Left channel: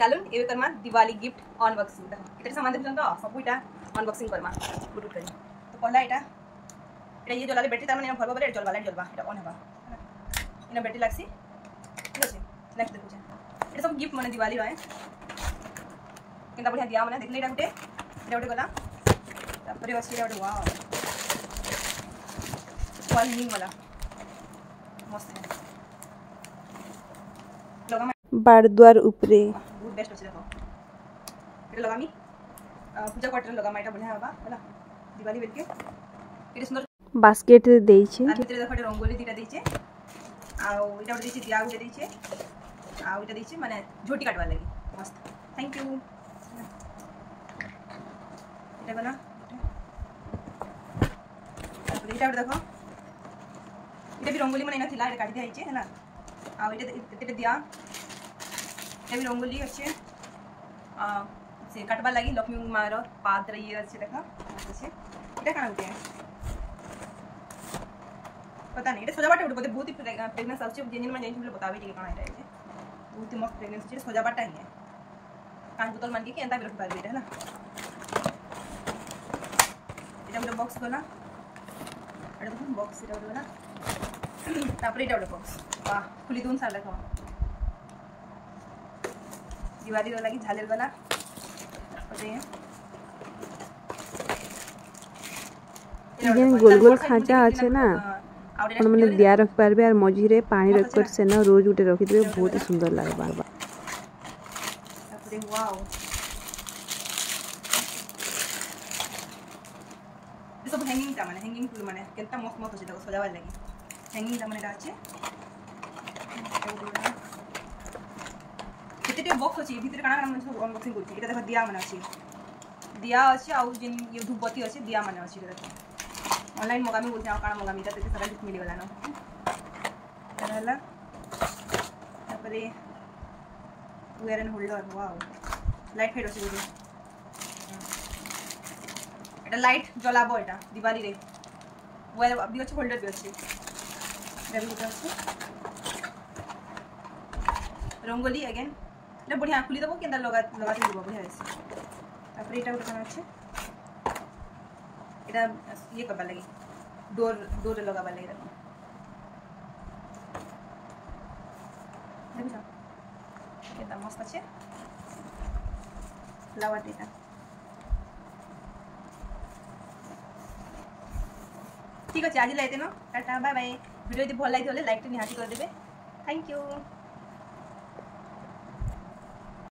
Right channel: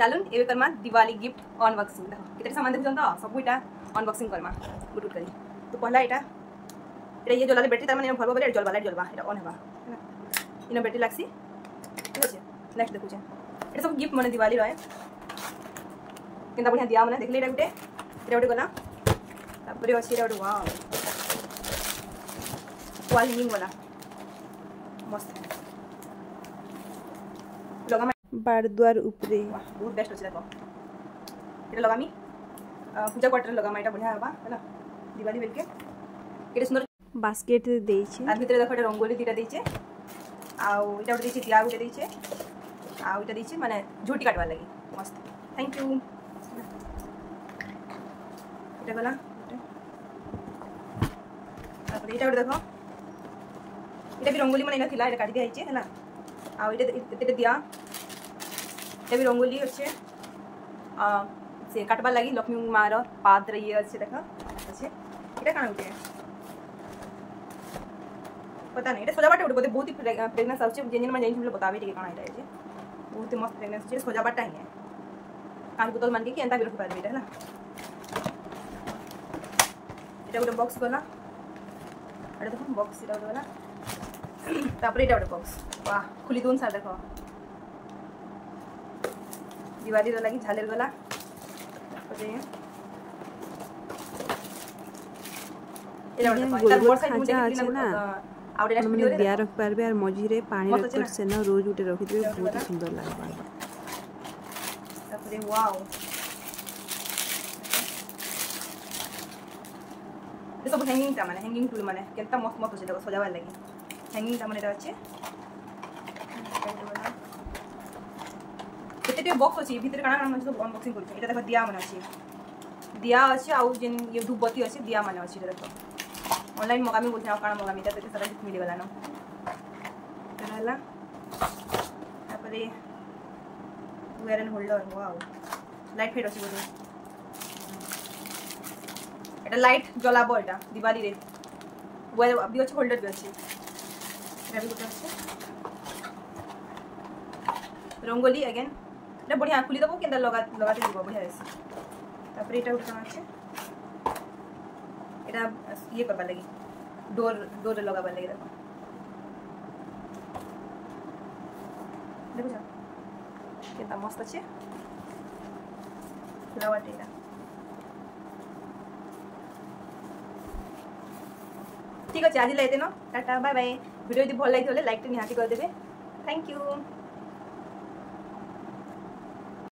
चलून एबे Karma Diwali gift unboxing देखो केते सामान देखछन तो सब इटा अनबॉक्सिंग करमा गुड करी तो पहला इटा ये जला बैटरी तार माने भरबो बेले जलबा लाइट जलबा एटा ऑन हेबा है ना इना बैटरी लागसी ठीक আছে नेक्स्ट देखु छन एटा सब गिफ्ट माने दिवाली रहे केनता बढ़िया दिया माने देखले एटा गुटे गला तापरे अछि एटा गुटे वाओ वॉल हैंगिंग वाला मस्त है लगा बारद्वार उपरे बहुत बेस्ट अछि देखो एटा लगामी पूजा क्वार्टर लगामा एटा बढ़िया हेबा हैला दिवाली बेल के केते सुंदर बास्केट देइछे आ भितरे देखो एटा रंगोली दिटा देइछे आ एटा उठे देइछे दिया गुटे देइछे आ उटा देइछे माने झोटी काटवा लागि मस्त थैंक यू एटा गला तापर एटा देखो एटा भी रंगोली माने नथिला एटा काट दिया हिचे है ना आ एटा दिया एटा भी रंगोली अच्छे से काटबा लागि लक्ष्मी मार पात्र ये अच्छे देखा अच्छे एटा काना उठे पता नहीं एटा सजावट उठे बहुत ही फ्रेगनेंस अच्छे जेनिन में जेनिन बताबे टिके काना एटा है बहुत ही मस्त फ्रेगनेंस छै सजावट है कांच बोतल मान के एंता भी रख पारबे है ना एटा उठे बॉक्स गला एटा देखो बॉक्स एटा गला तापर एटा उठे बॉक्स वाह खुली दोन साल देखो दिवाली लगी झालर गला गोल गोल खांचा আছে না आपण माने दिया रख पारबे और मझी रे पानी रख कर से ना रोज उठे रखि देबे बहुत ही सुंदर लागबा तापर वाओ ये सब हैंगिंग ता माने हैंगिंग टूल माने केता मस्त मस्त छै देखो सजावा लागि हैंगिंग ता माने अछि केते बॉक्स अछि भीतर काना काना सब अनबॉक्सिंग करछि एटा देखो दिया माने अछि दिया अछि आ जेन ये धूपबत्ती अछि दिया माने अछि देखो ऑनलाइन मगामी बोलछा काना मगामी ता सारा गिफ्ट मिले गला न रहला तापरे वेयर एंड होल्डर वाओ लाइट फाइट अछि बोलो एटा लाइट जलाबो एटा दिवाली रे वेयर अभी अछि होल्डर भी अछि रेबी गुटा अछि रंगोली अगेन एटा बढ़िया खुली दबो केंदा लगा के दबो बढ़िया अछि तापर एटा गुटा अछि एटा ये करबा लागि डोर लगाबा लागि देखो देखो जा केता मस्त अछि फ्लावर एटा ठीक अछि आज लाइते न टाटा बाय बाय वीडियो यदि भल लागि लाइक तो निहाती कर देबे थैंक यू।